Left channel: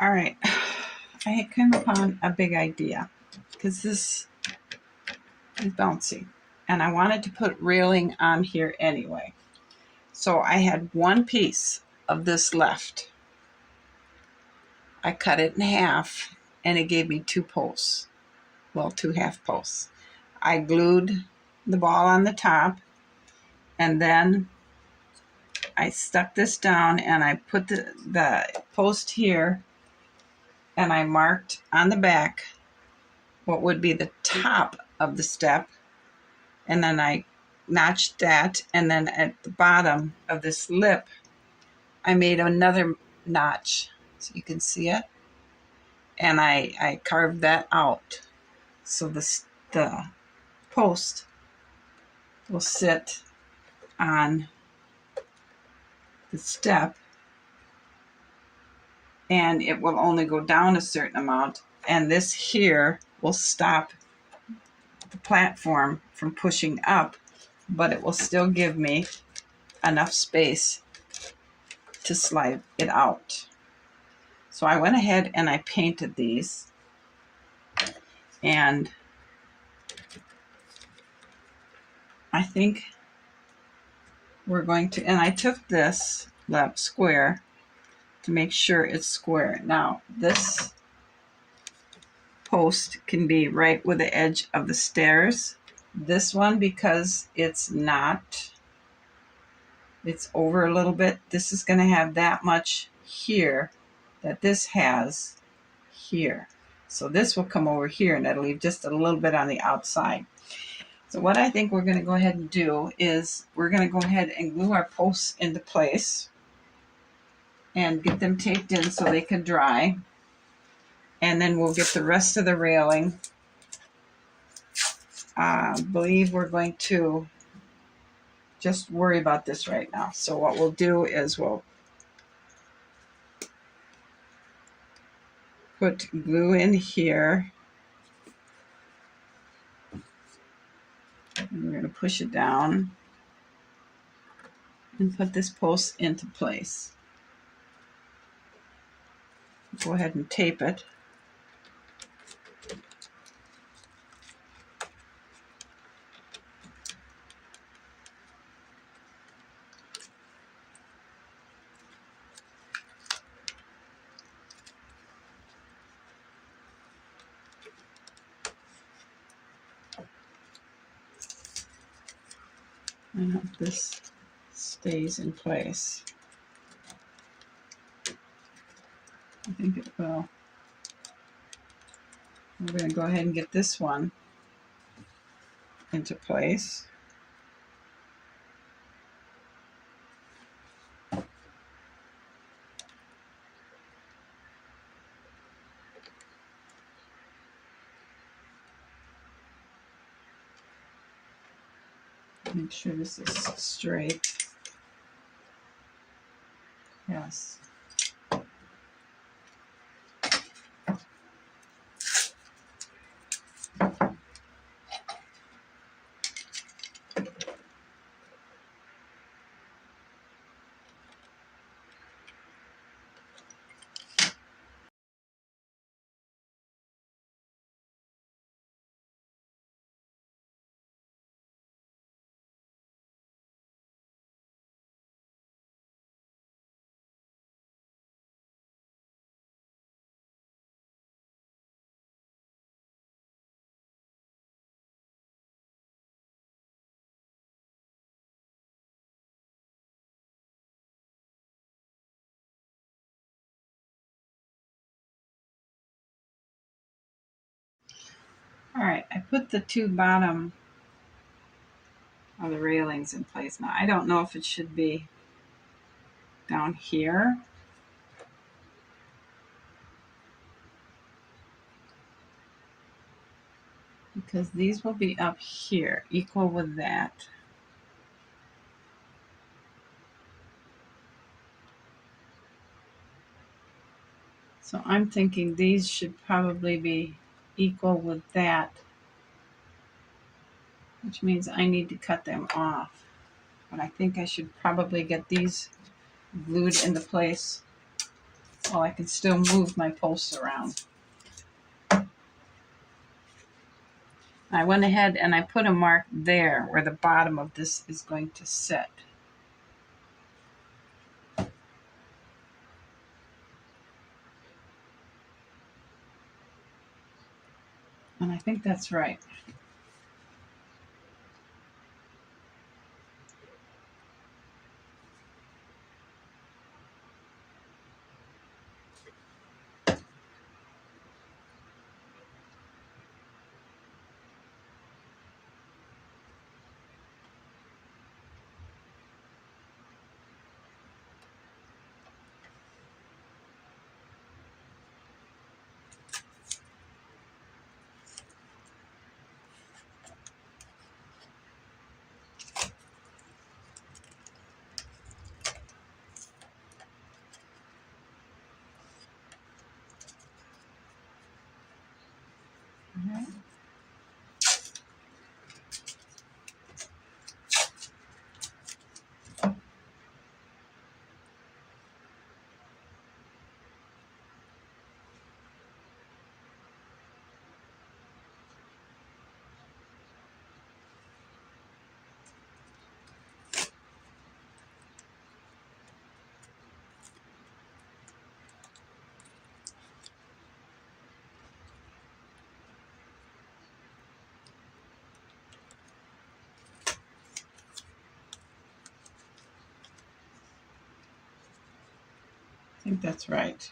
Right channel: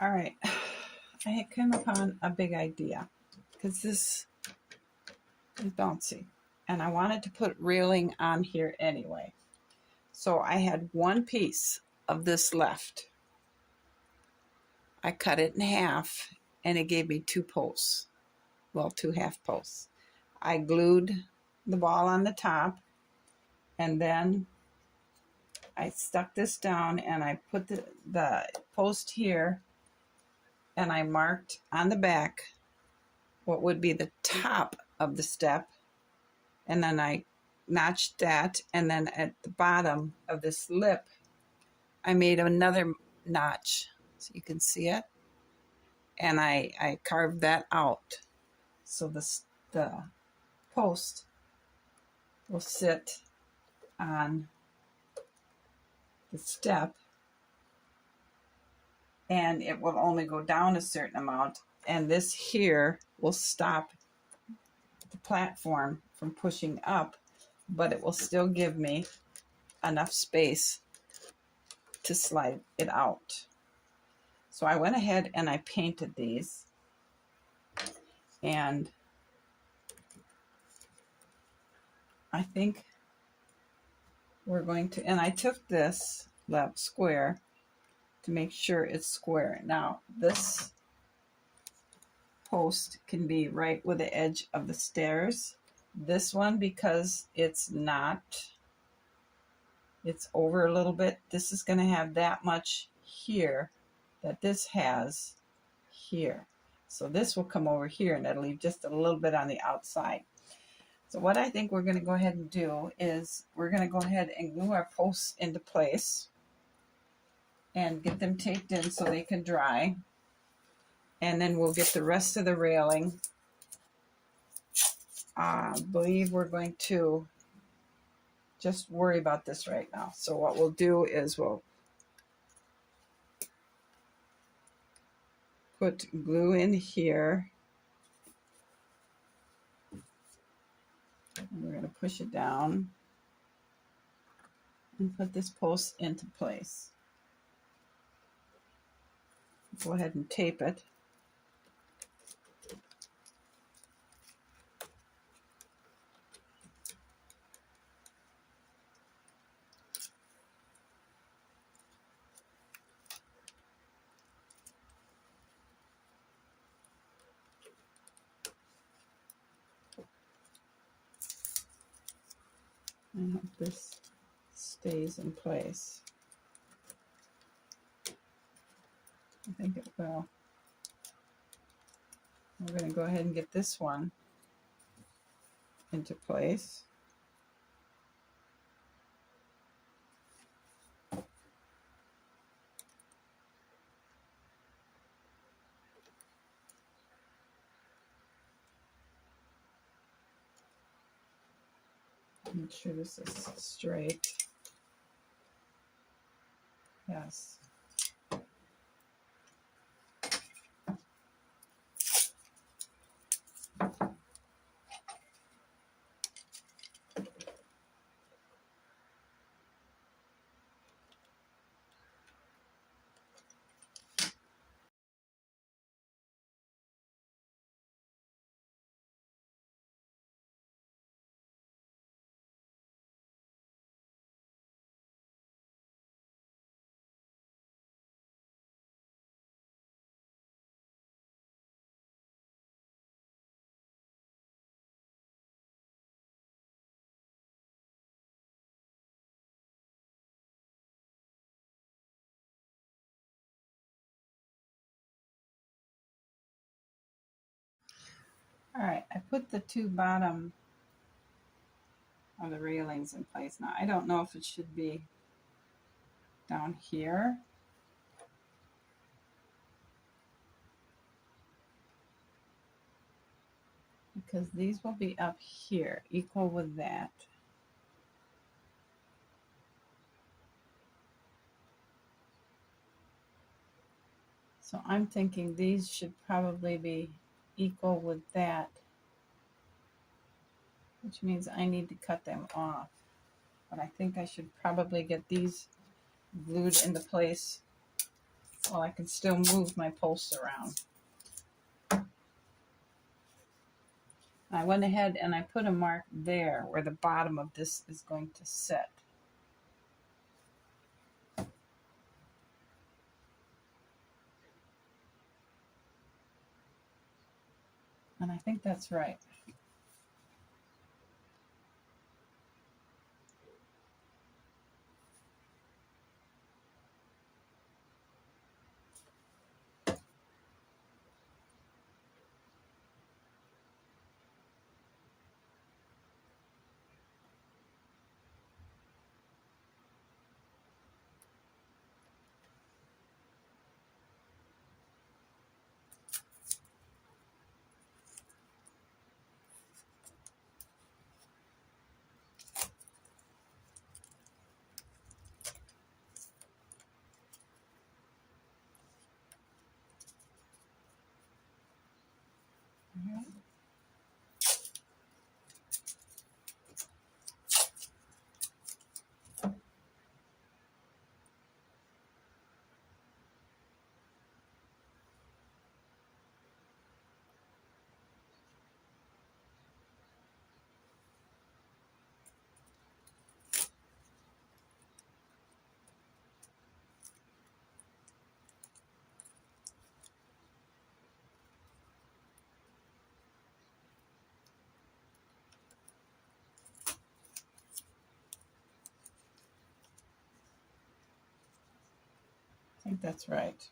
All right, I had come upon a big idea because this is bouncy and I wanted to put railing on here anyway. So I had one piece of this left. I cut it in half and it gave me two posts. Well, two half posts. I glued the ball on the top and then I stuck this down and I put the post here and I marked on the back what would be the top of the step, and then I notched that, and then at the bottom of this lip I made another notch so you can see it, and I carved that out so the post will sit on the step and it will only go down a certain amount, and this here will stop the platform from pushing up, but it will still give me enough space to slide it out. So I went ahead and I painted these, and I think we're going to, and I took this left square to make sure it's square. Now this post can be right with the edge of the stairs. This one, because it's not, it's over a little bit, this is going to have that much here that this has here. So this will come over here and that'll leave just a little bit on the outside. So what I think we're going to go ahead and do is we're going to go ahead and glue our posts into place and get them taped in so they can dry. And then we'll get the rest of the railing. I believe we're going to just worry about this right now. So what we'll do is we'll put glue in here. And we're going to push it down and put this post into place. Go ahead and tape it. I hope this stays in place. I think it will. We're going to go ahead and get this one into place. Make sure this is straight. Yes. All right, I put the two bottom of the railings in place. Now, I don't know if it should be down here. Because these will be up here, equal with that. So I'm thinking these should probably be equal with that, which means I need to cut them off. But I think I should probably get these glued into place Well, I can still move my posts around. I went ahead and I put a mark there where the bottom of this is going to sit. And I think that's right. Mhm. I think that's right.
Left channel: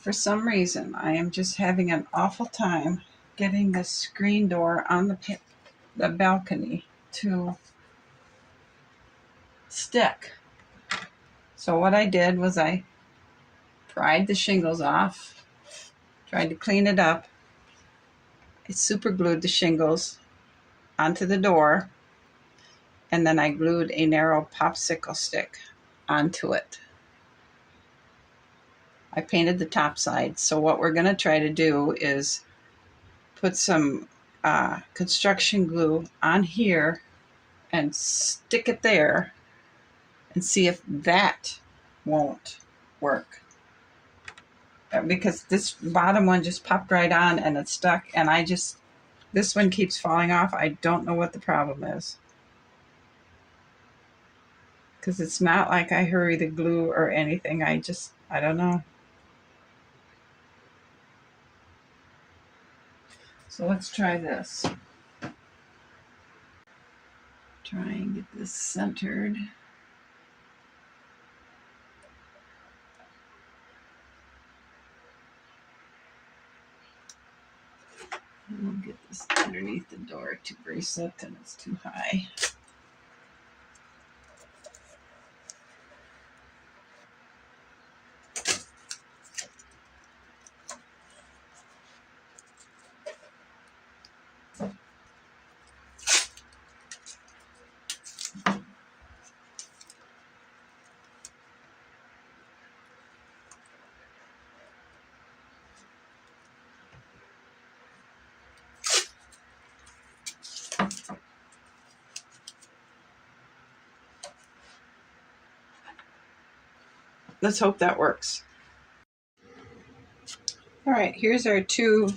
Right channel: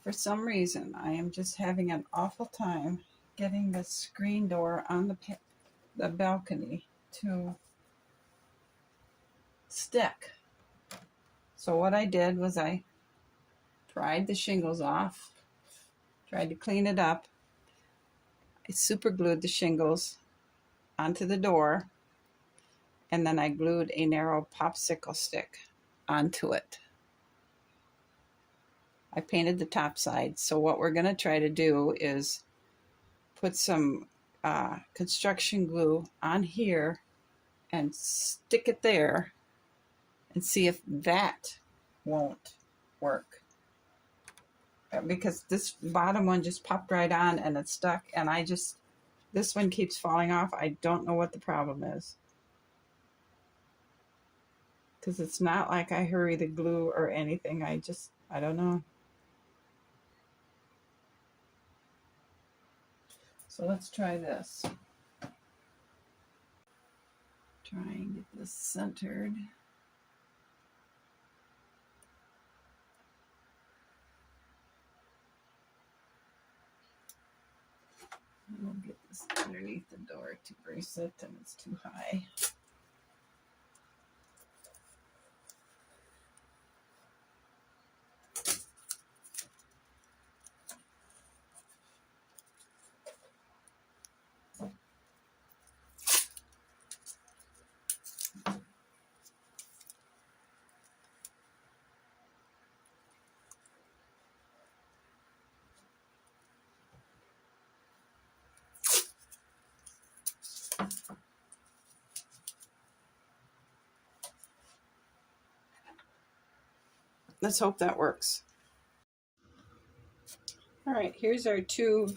For some reason, I am just having an awful time getting the screen door on the balcony to stick. So what I did was I pried the shingles off, tried to clean it up. I super glued the shingles onto the door, and then I glued a narrow popsicle stick onto it. I painted the top side. So what we're going to try to do is put some construction glue on here and stick it there and see if that won't work. Because this bottom one just popped right on and it's stuck, and this one keeps falling off. I don't know what the problem is. Because it's not like I hurry the glue or anything. I don't know. So let's try this. Try and get this centered. We'll get this underneath the door to brace it, and it's too high. let's hope that works. All right, here's our two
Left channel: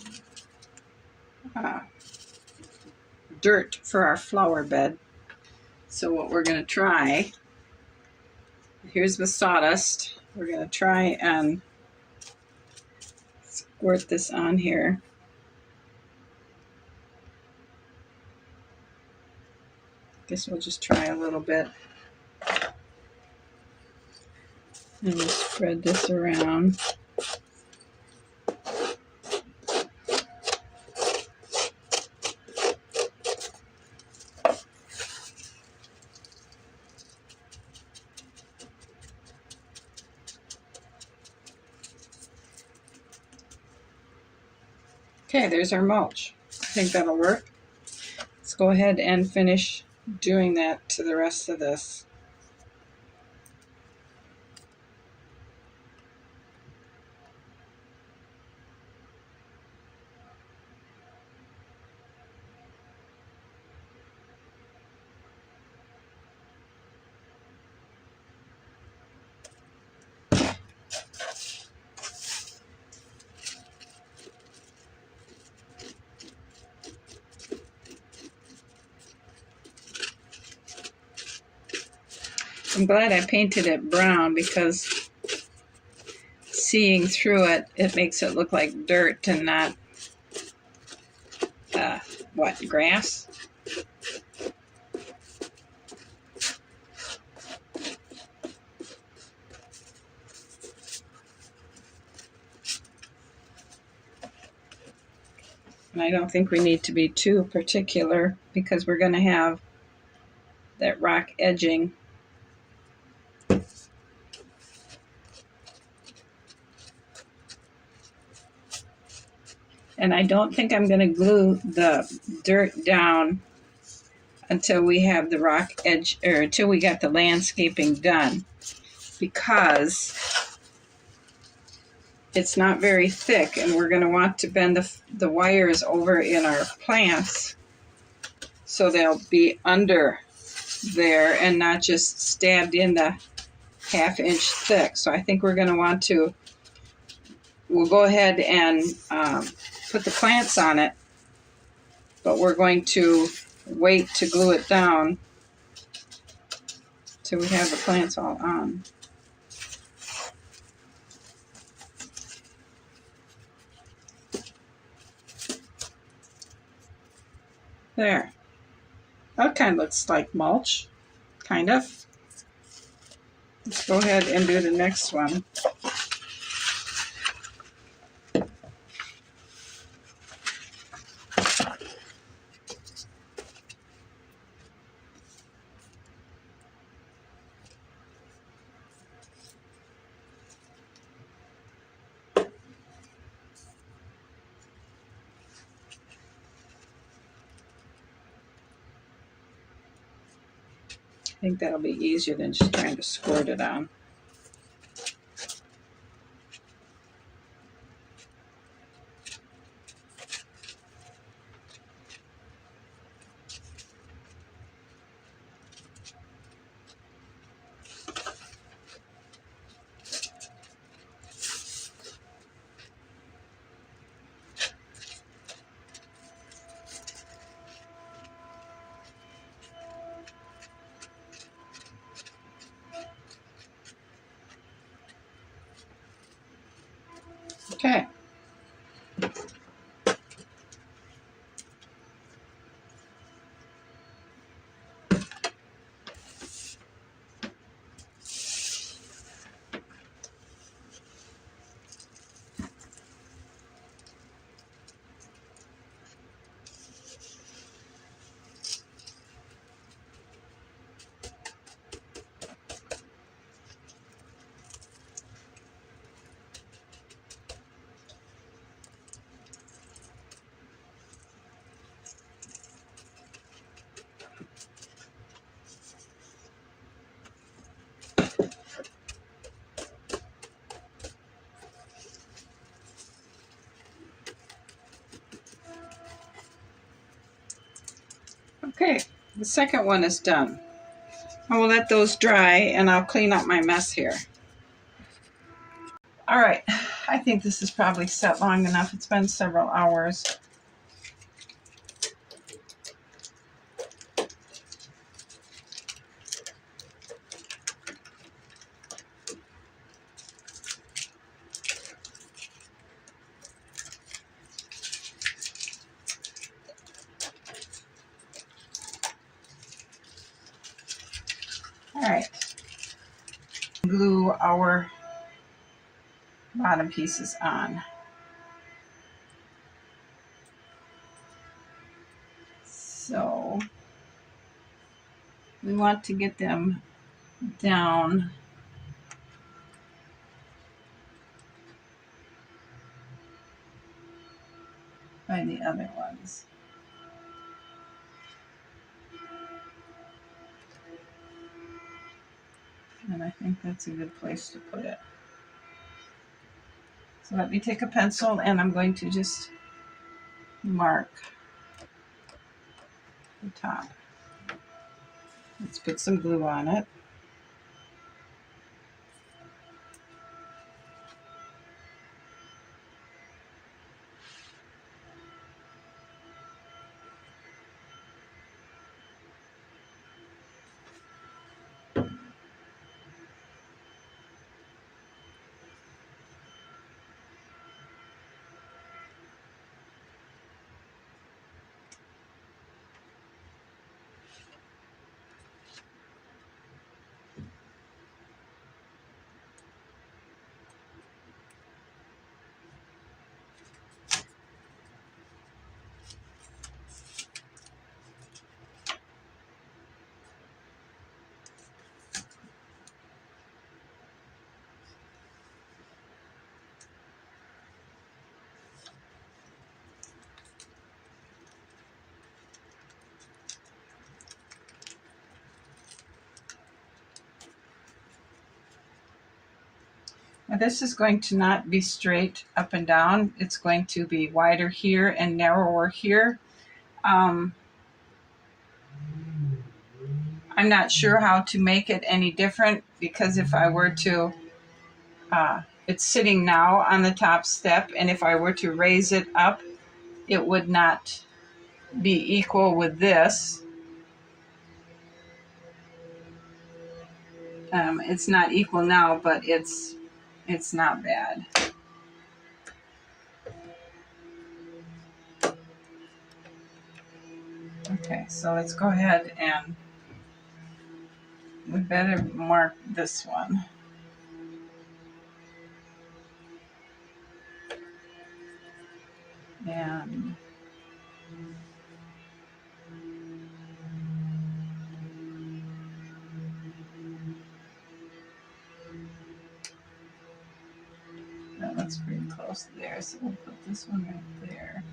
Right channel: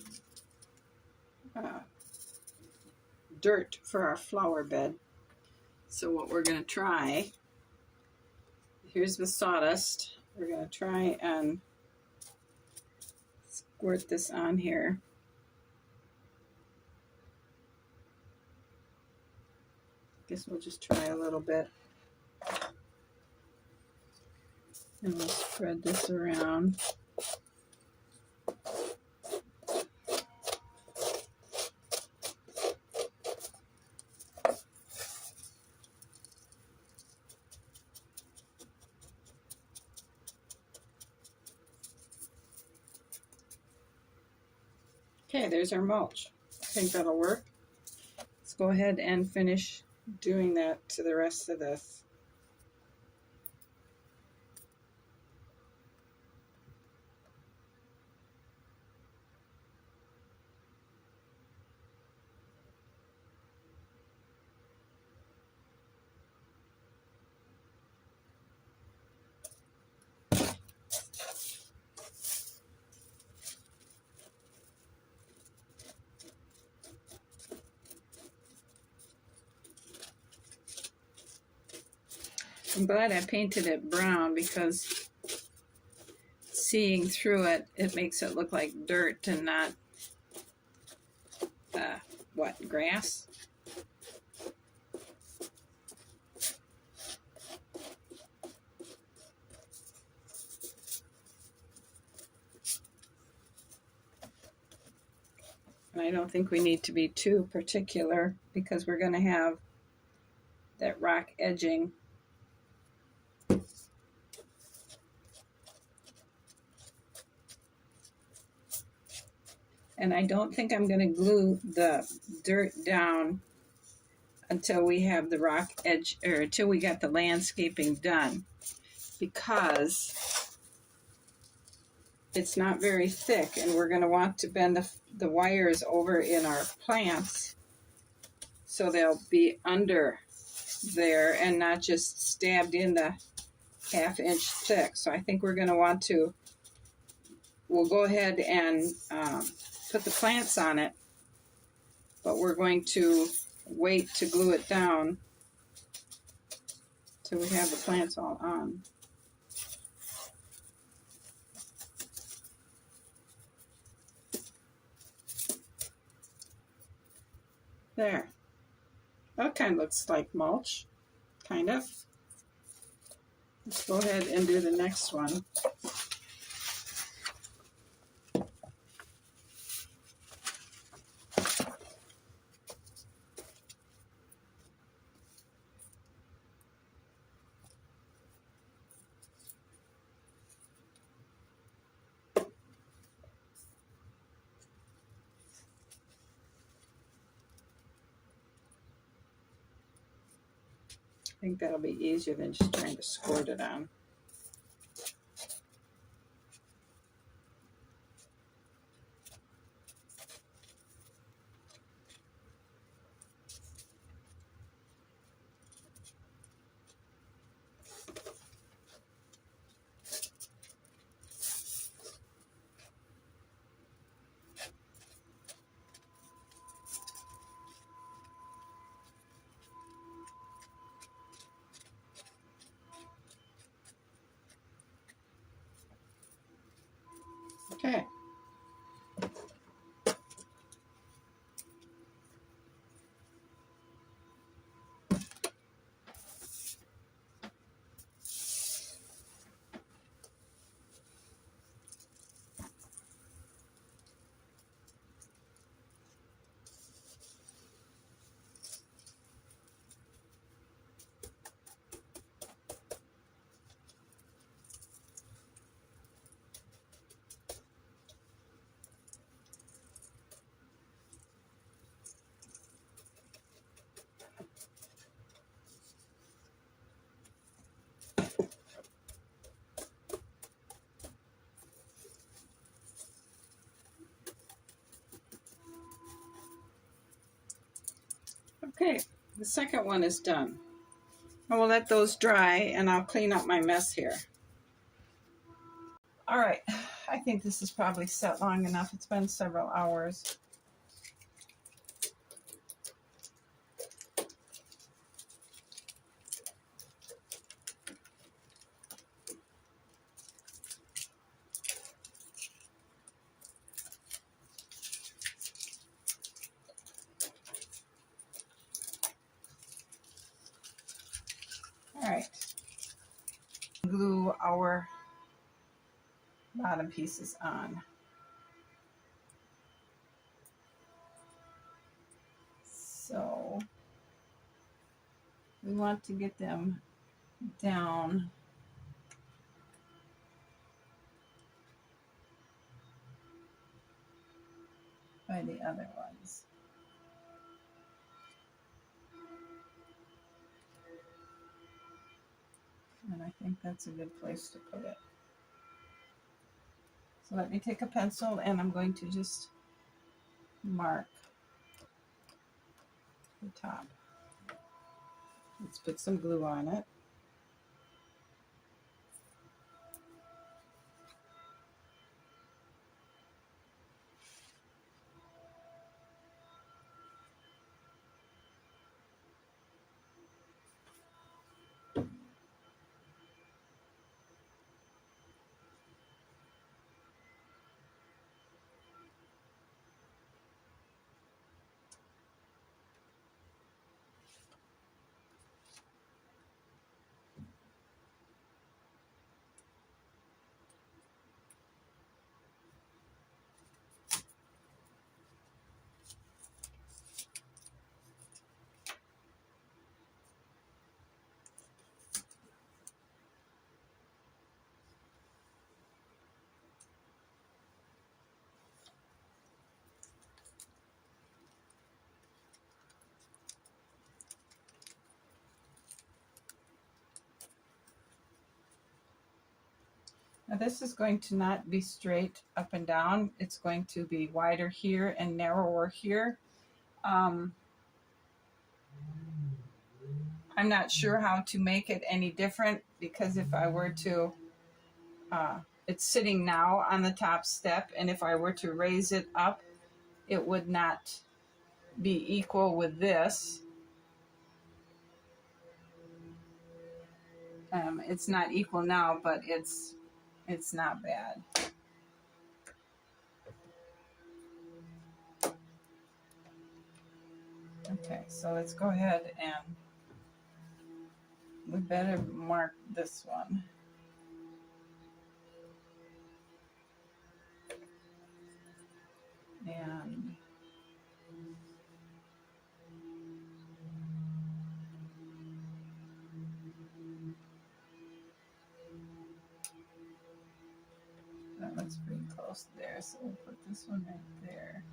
dirt for our flower bed. So what we're going to try, here's the sawdust. We're going to try and squirt this on here. Guess we'll just try a little bit. And we'll spread this around. Okay, there's our mulch. I think that'll work. Let's go ahead and finish doing that to the rest of this. I'm glad I painted it brown because seeing through it, it makes it look like dirt and not, grass? And I don't think we need to be too particular because we're going to have that rock edging. And I don't think I'm going to glue the dirt down until we have the rock edge, or until we got the landscaping done, because it's not very thick and we're going to want to bend the wires over in our plants so they'll be under there and not just stabbed in the half-inch thick. So I think we're going to want to, we'll go ahead and put the plants on it, but we're going to wait to glue it down till we have the plants all on. There. That kind of looks like mulch, kind of. Let's go ahead and do the next one. I think that'll be easier than just trying to squirt it on. Okay. Okay, the second one is done. I will let those dry and I'll clean up my mess here. All right, I think this is probably set long enough. It's been several hours. All right, glue our bottom pieces on. So we want to get them down by the other ones. And I think that's a good place to put it. So let me take a pencil and I'm going to just mark the top. Let's put some glue on it. Now this is going to not be straight up and down. It's going to be wider here and narrower here. I'm not sure how to make it any different, because if I were to, it's sitting now on the top step, and if I were to raise it up, it would not be equal with this. It's not equal now, but it's not bad. Okay, so let's go ahead and we better mark this one. And that looks pretty close there, so we'll put this one right there.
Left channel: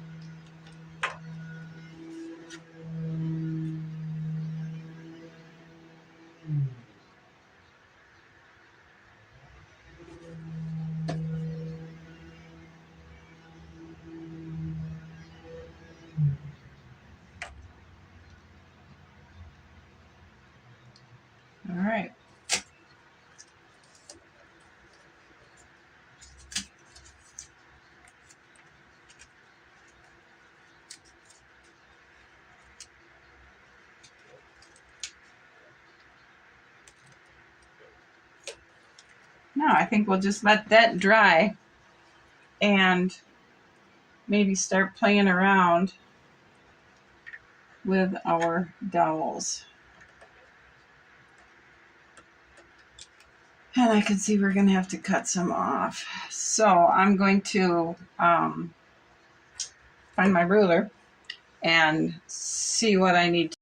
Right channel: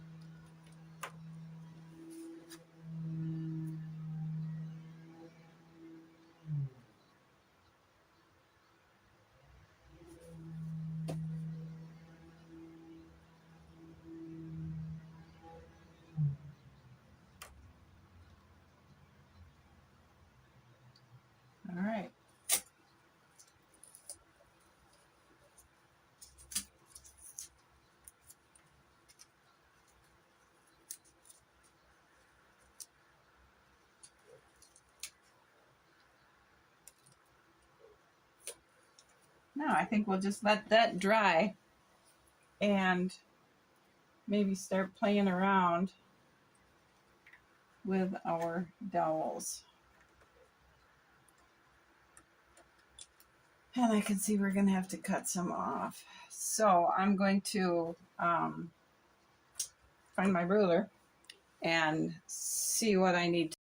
All right. Now I think we'll just let that dry and maybe start playing around with our dowels. And I can see we're going to have to cut some off. So I'm going to find my ruler and see what I need.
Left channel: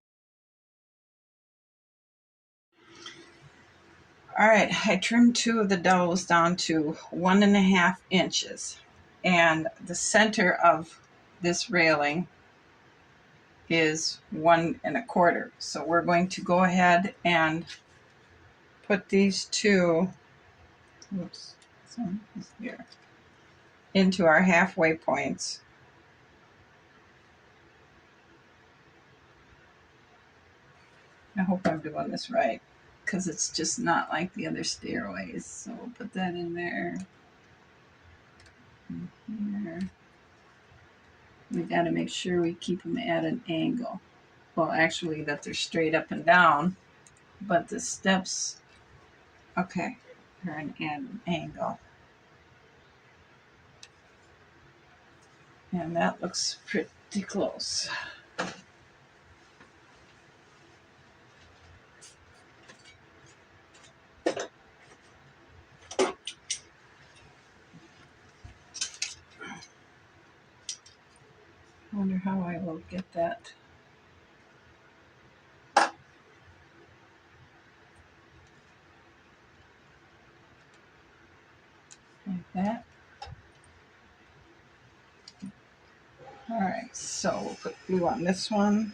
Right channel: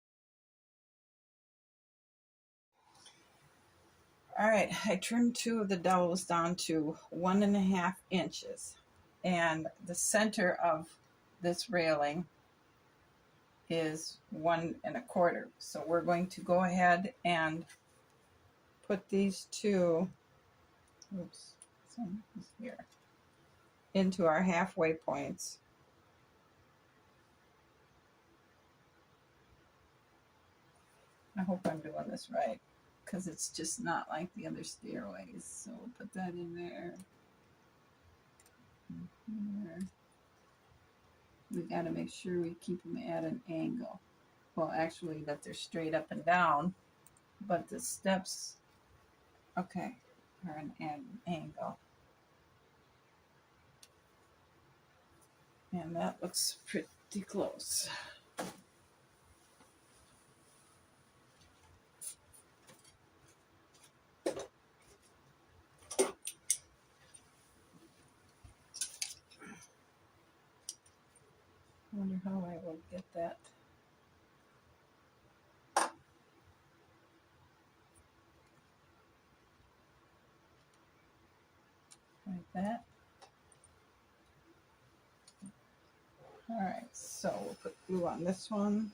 All right, I trimmed 2 of the dowels down to 1.5 inches. And the center of this railing is 1.25. So we're going to go ahead and put these 2, oops, this one is here, into our halfway points. I hope I'm doing this right, because it's just not like the other stairways. So we'll put that in there. Here. We got to make sure we keep them at an angle. Well, actually that they're straight up and down, but the steps, okay, are an angle. And that looks pretty close. I wonder how I will get that. Like that. All right, so we'll put glue on this one.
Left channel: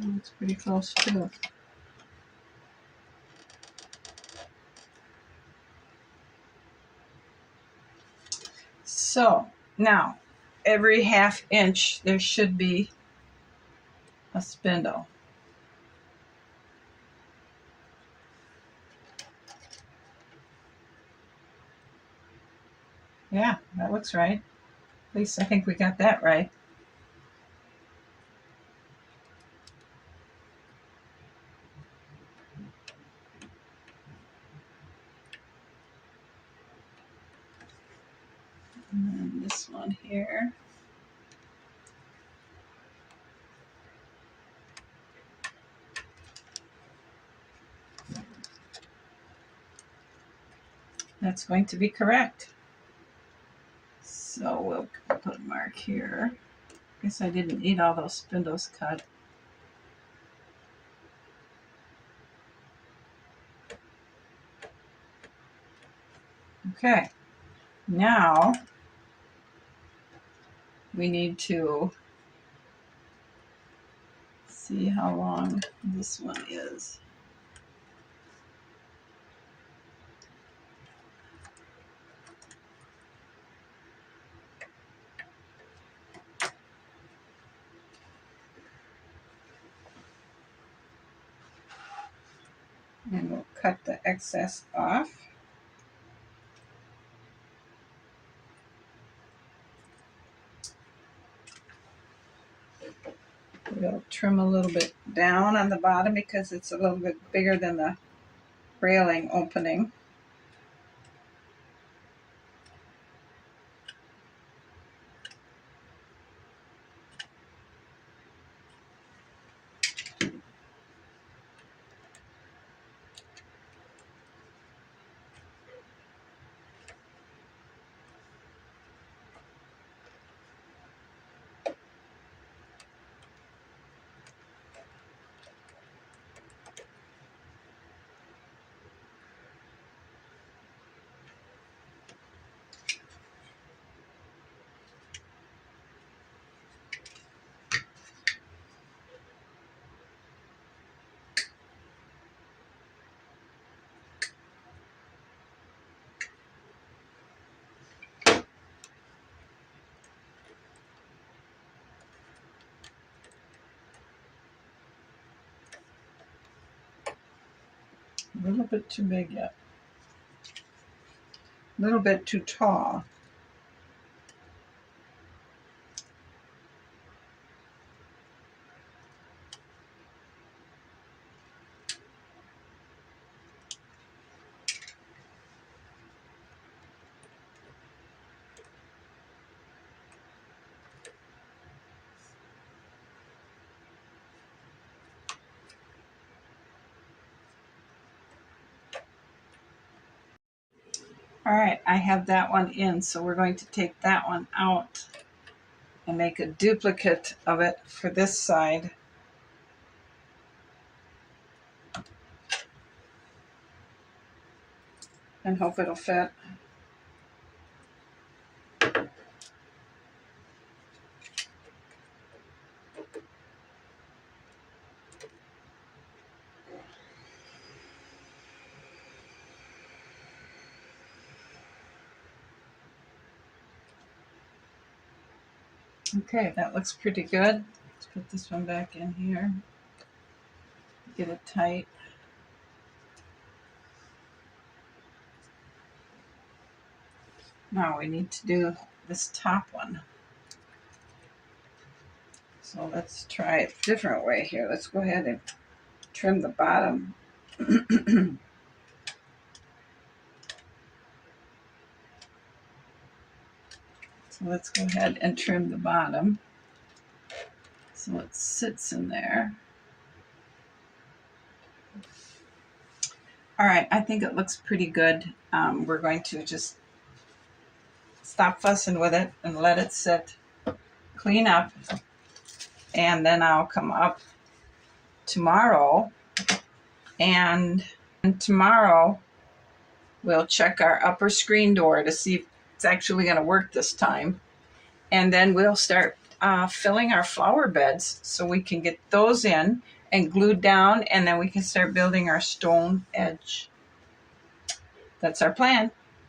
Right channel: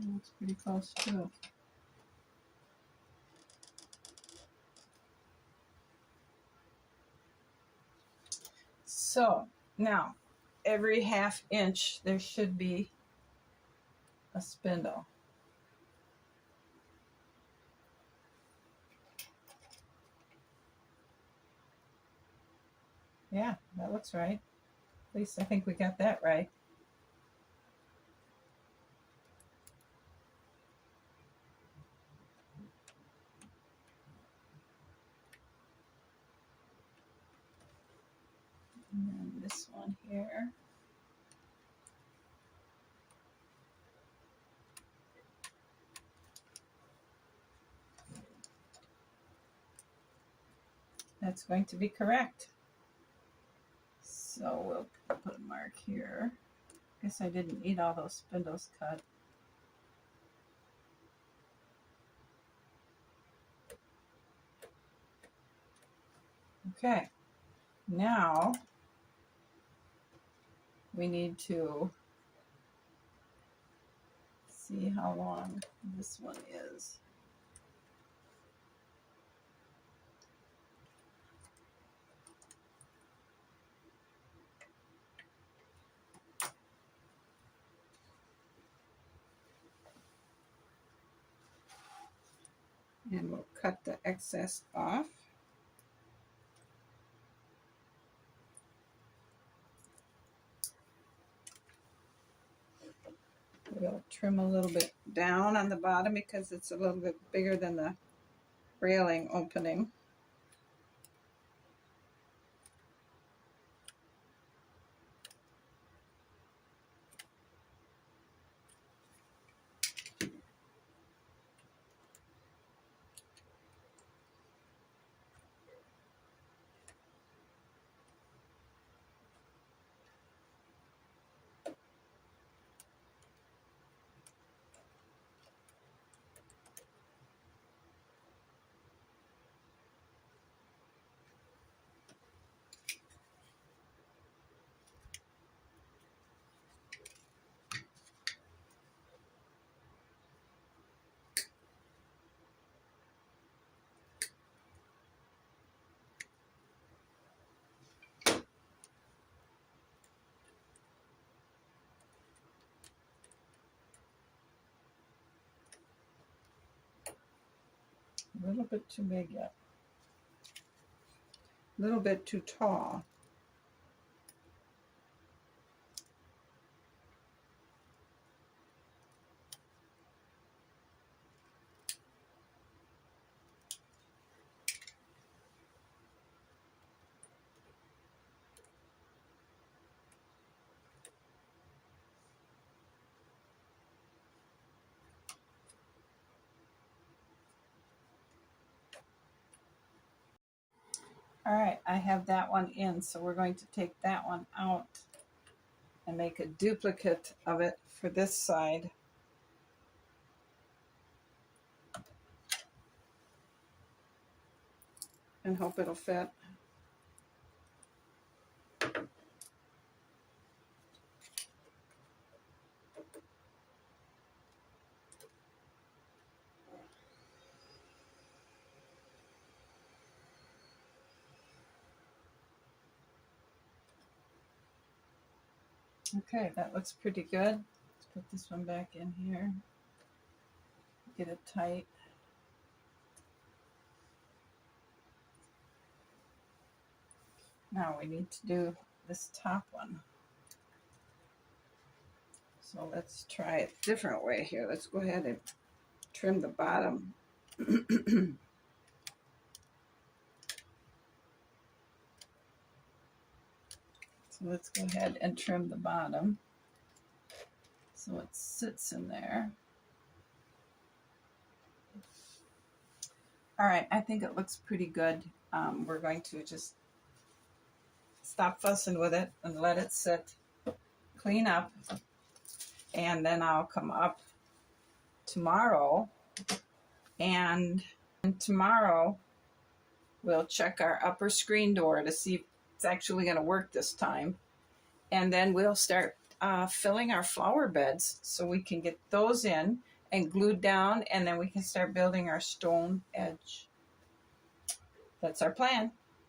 That's pretty close too. So now every ½ inch there should be a spindle. Yeah, that looks right. At least I think we got that right. And then this one here. That's going to be correct. So we'll put a mark here. Guess I didn't need all those spindles cut. Okay, now we need to see how long this one is. And we'll cut the excess off. We'll trim a little bit down on the bottom because it's a little bit bigger than the railing opening. A little bit too big yet. A little bit too tall. All right, I have that one in, so we're going to take that one out and make a duplicate of it for this side. And hope it'll fit. Okay, that looks pretty good. Let's put this one back in here. Get it tight. Now we need to do this top one. So let's try it a different way here. Let's go ahead and trim the bottom. So let's go ahead and trim the bottom so it sits in there. All right, I think it looks pretty good. We're going to just stop fussing with it and let it sit, clean up, and then I'll come up tomorrow, and tomorrow we'll check our upper screen door to see if it's actually going to work this time, and then we'll start filling our flower beds so we can get those in and glued down, and then we can start building our stone edge. That's our plan.